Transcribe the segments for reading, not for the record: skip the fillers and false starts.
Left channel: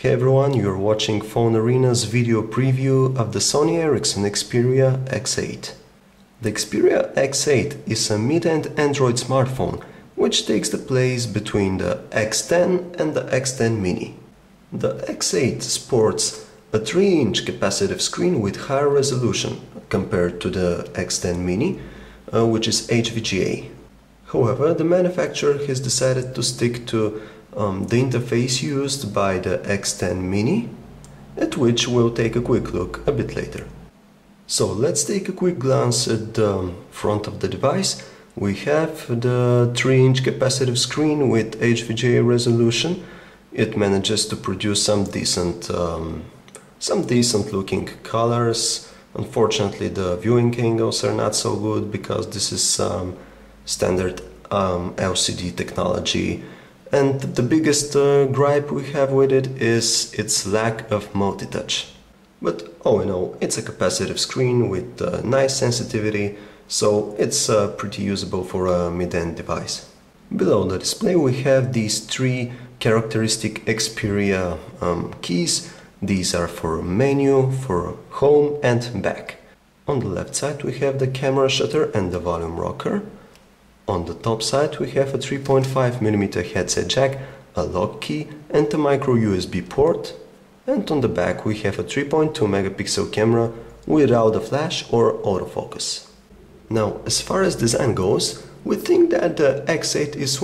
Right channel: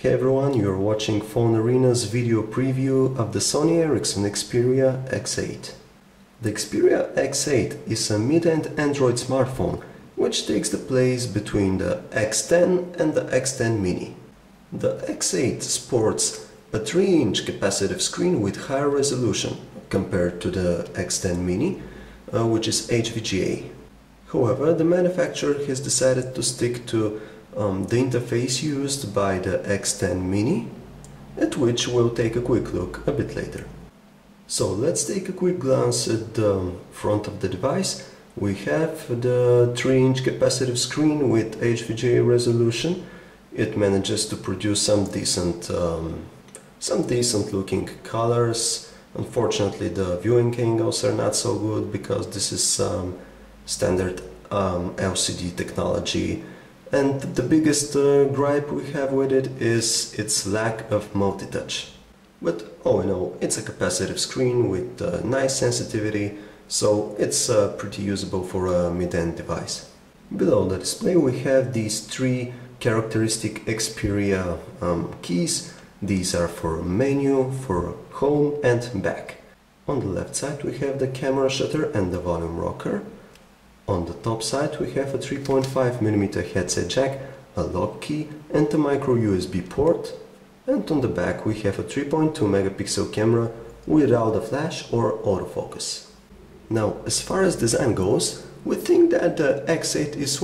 Hey everyone, you're watching PhoneArena's video preview of the Sony Ericsson Xperia X8. The Xperia X8 is a mid-end Android smartphone which takes the place between the X10 and the X10 Mini. The X8 sports a 3-inch capacitive screen with higher resolution compared to the X10 Mini, which is HVGA. However, the manufacturer has decided to stick to the interface used by the X10 Mini, at which we'll take a quick look a bit later. So let's take a quick glance at the front of the device. We have the 3-inch capacitive screen with HVGA resolution. It manages to produce some decent looking colors. Unfortunately, the viewing angles are not so good because this is standard LCD technology. And the biggest gripe we have with it is its lack of multi-touch. But all in all, it's a capacitive screen with nice sensitivity, so it's pretty usable for a mid-end device. Below the display we have these 3 characteristic Xperia keys. These are for menu, for home and back. On the left side we have the camera shutter and the volume rocker. On the top side we have a 3.5mm headset jack, a lock key and a microUSB port. And on the back we have a 3.2 megapixel camera without a flash or autofocus. Now, as far as design goes, we think that the X8 is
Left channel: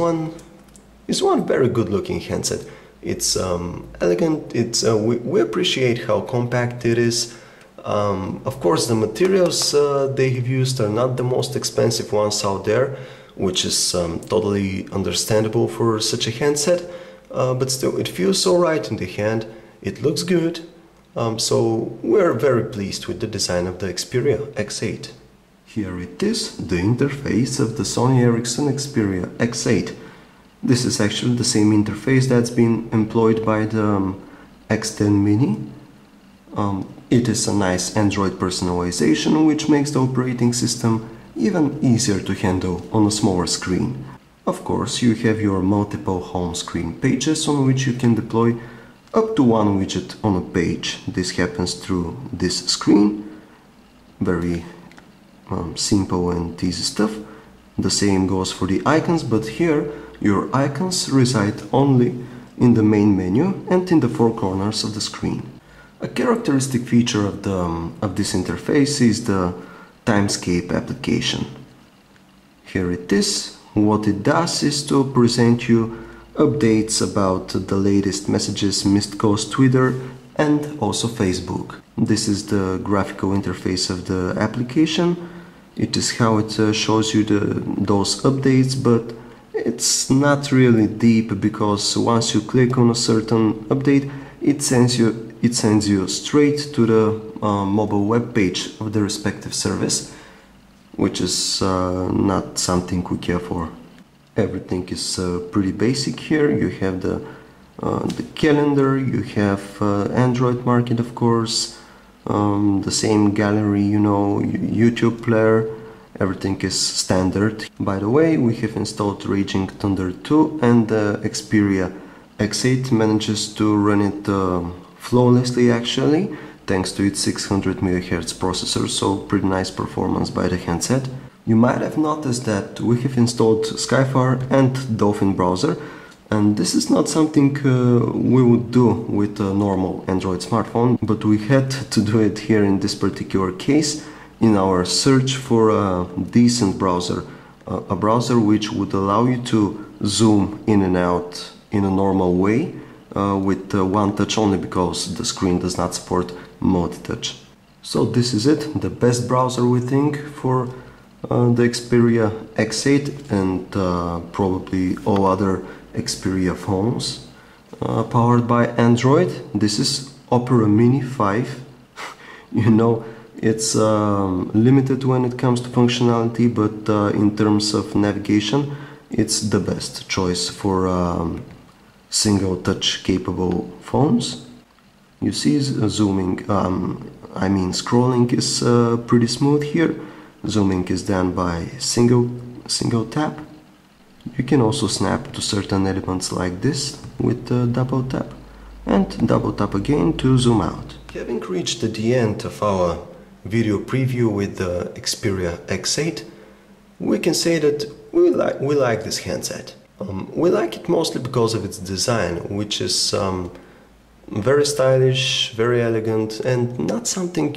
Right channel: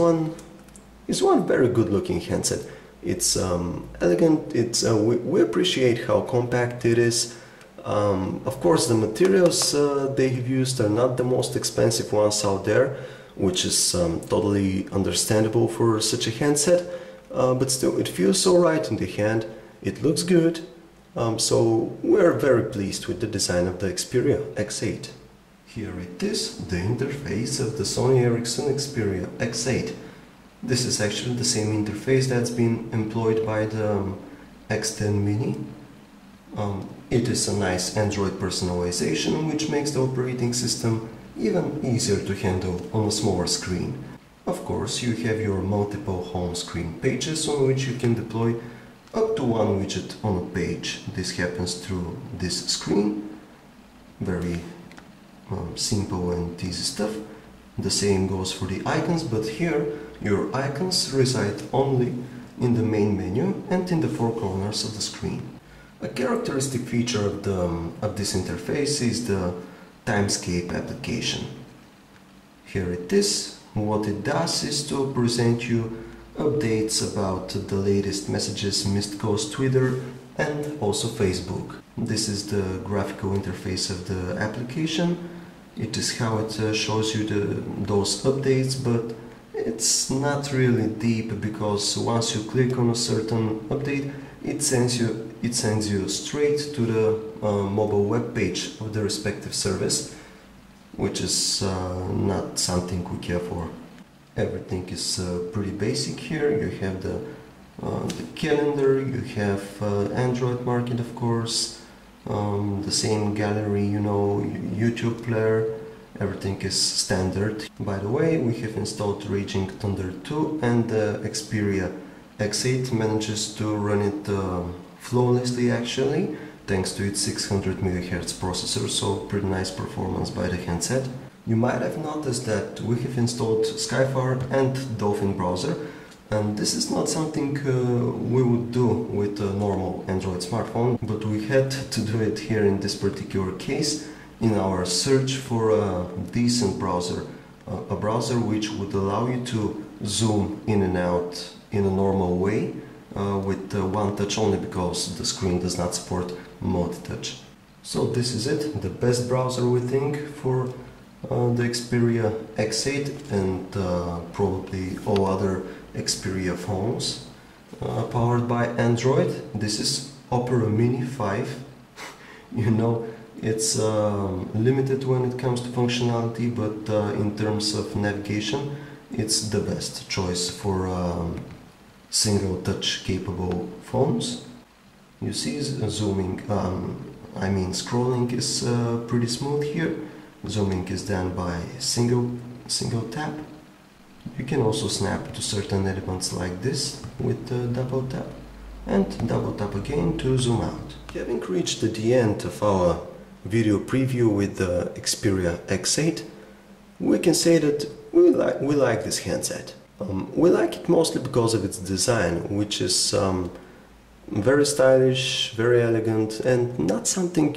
one very good looking handset. It's elegant, we appreciate how compact it is. Of course, the materials they have used are not the most expensive ones out there, which is totally understandable for such a handset, but still it feels alright in the hand, it looks good, so we're very pleased with the design of the Xperia X8. Here it is, the interface of the Sony Ericsson Xperia X8. This is actually the same interface that's been employed by the X10 Mini. It is a nice Android personalization which makes the operating system even easier to handle on a smaller screen. Of course, you have your multiple home screen pages on which you can deploy up to one widget on a page. This happens through this screen. Very simple and easy stuff. The same goes for the icons, but here your icons reside only in the main menu and in the 4 corners of the screen. A characteristic feature of this interface is the Timescape application. Here it is. What it does is to present you updates about the latest messages, missed calls, Twitter and also Facebook. This is the graphical interface of the application. It is how it shows you those updates, but it's not really deep because once you click on a certain update, it sends you straight to the mobile web page of the respective service, which is not something we care for. Everything is pretty basic here. You have the calendar, you have Android Market, of course, the same gallery, you know, YouTube player. Everything is standard. By the way, we have installed Raging Thunder 2 and the Xperia X8 manages to run it flawlessly actually, thanks to its 600 MHz processor, so pretty nice performance by the handset. You might have noticed that we have installed Skyfire and Dolphin browser, and this is not something we would do with a normal Android smartphone, but we had to do it here in this particular case in our search for a decent browser, a browser which would allow you to zoom in and out in a normal way with one touch only, because the screen does not support multi-touch. So this is it, the best browser we think for the Xperia X8 and probably all other Xperia phones powered by Android. This is Opera Mini 5. You know, it's limited when it comes to functionality, but in terms of navigation, it's the best choice for single touch capable phones. You see, scrolling is pretty smooth here. Zooming is done by single tap. You can also snap to certain elements like this with double tap. And and double tap again to zoom out. Having reached the end of our video preview with the Xperia X8, we can say that we like this handset. We like it mostly because of its design, which is very stylish, very elegant, and not something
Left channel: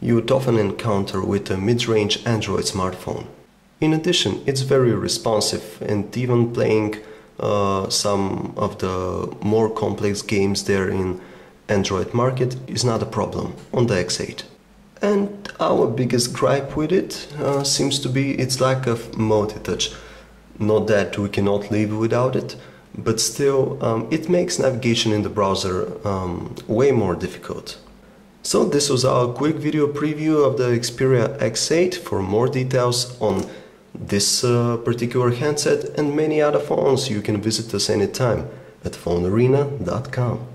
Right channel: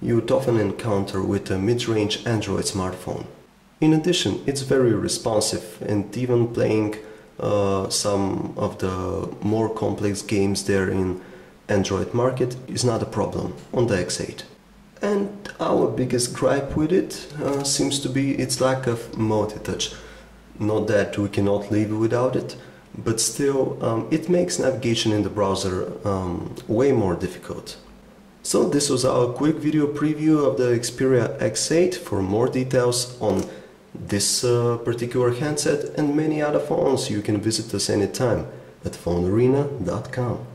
you'd often encounter with a mid-range Android smartphone. In addition, it's very responsive, and even playing some of the more complex games there in Android market is not a problem on the X8. And our biggest gripe with it seems to be its lack of multi-touch. Not that we cannot live without it, but still it makes navigation in the browser way more difficult. So this was our quick video preview of the Xperia X8. For more details on this particular handset and many other phones, you can visit us anytime at PhoneArena.com.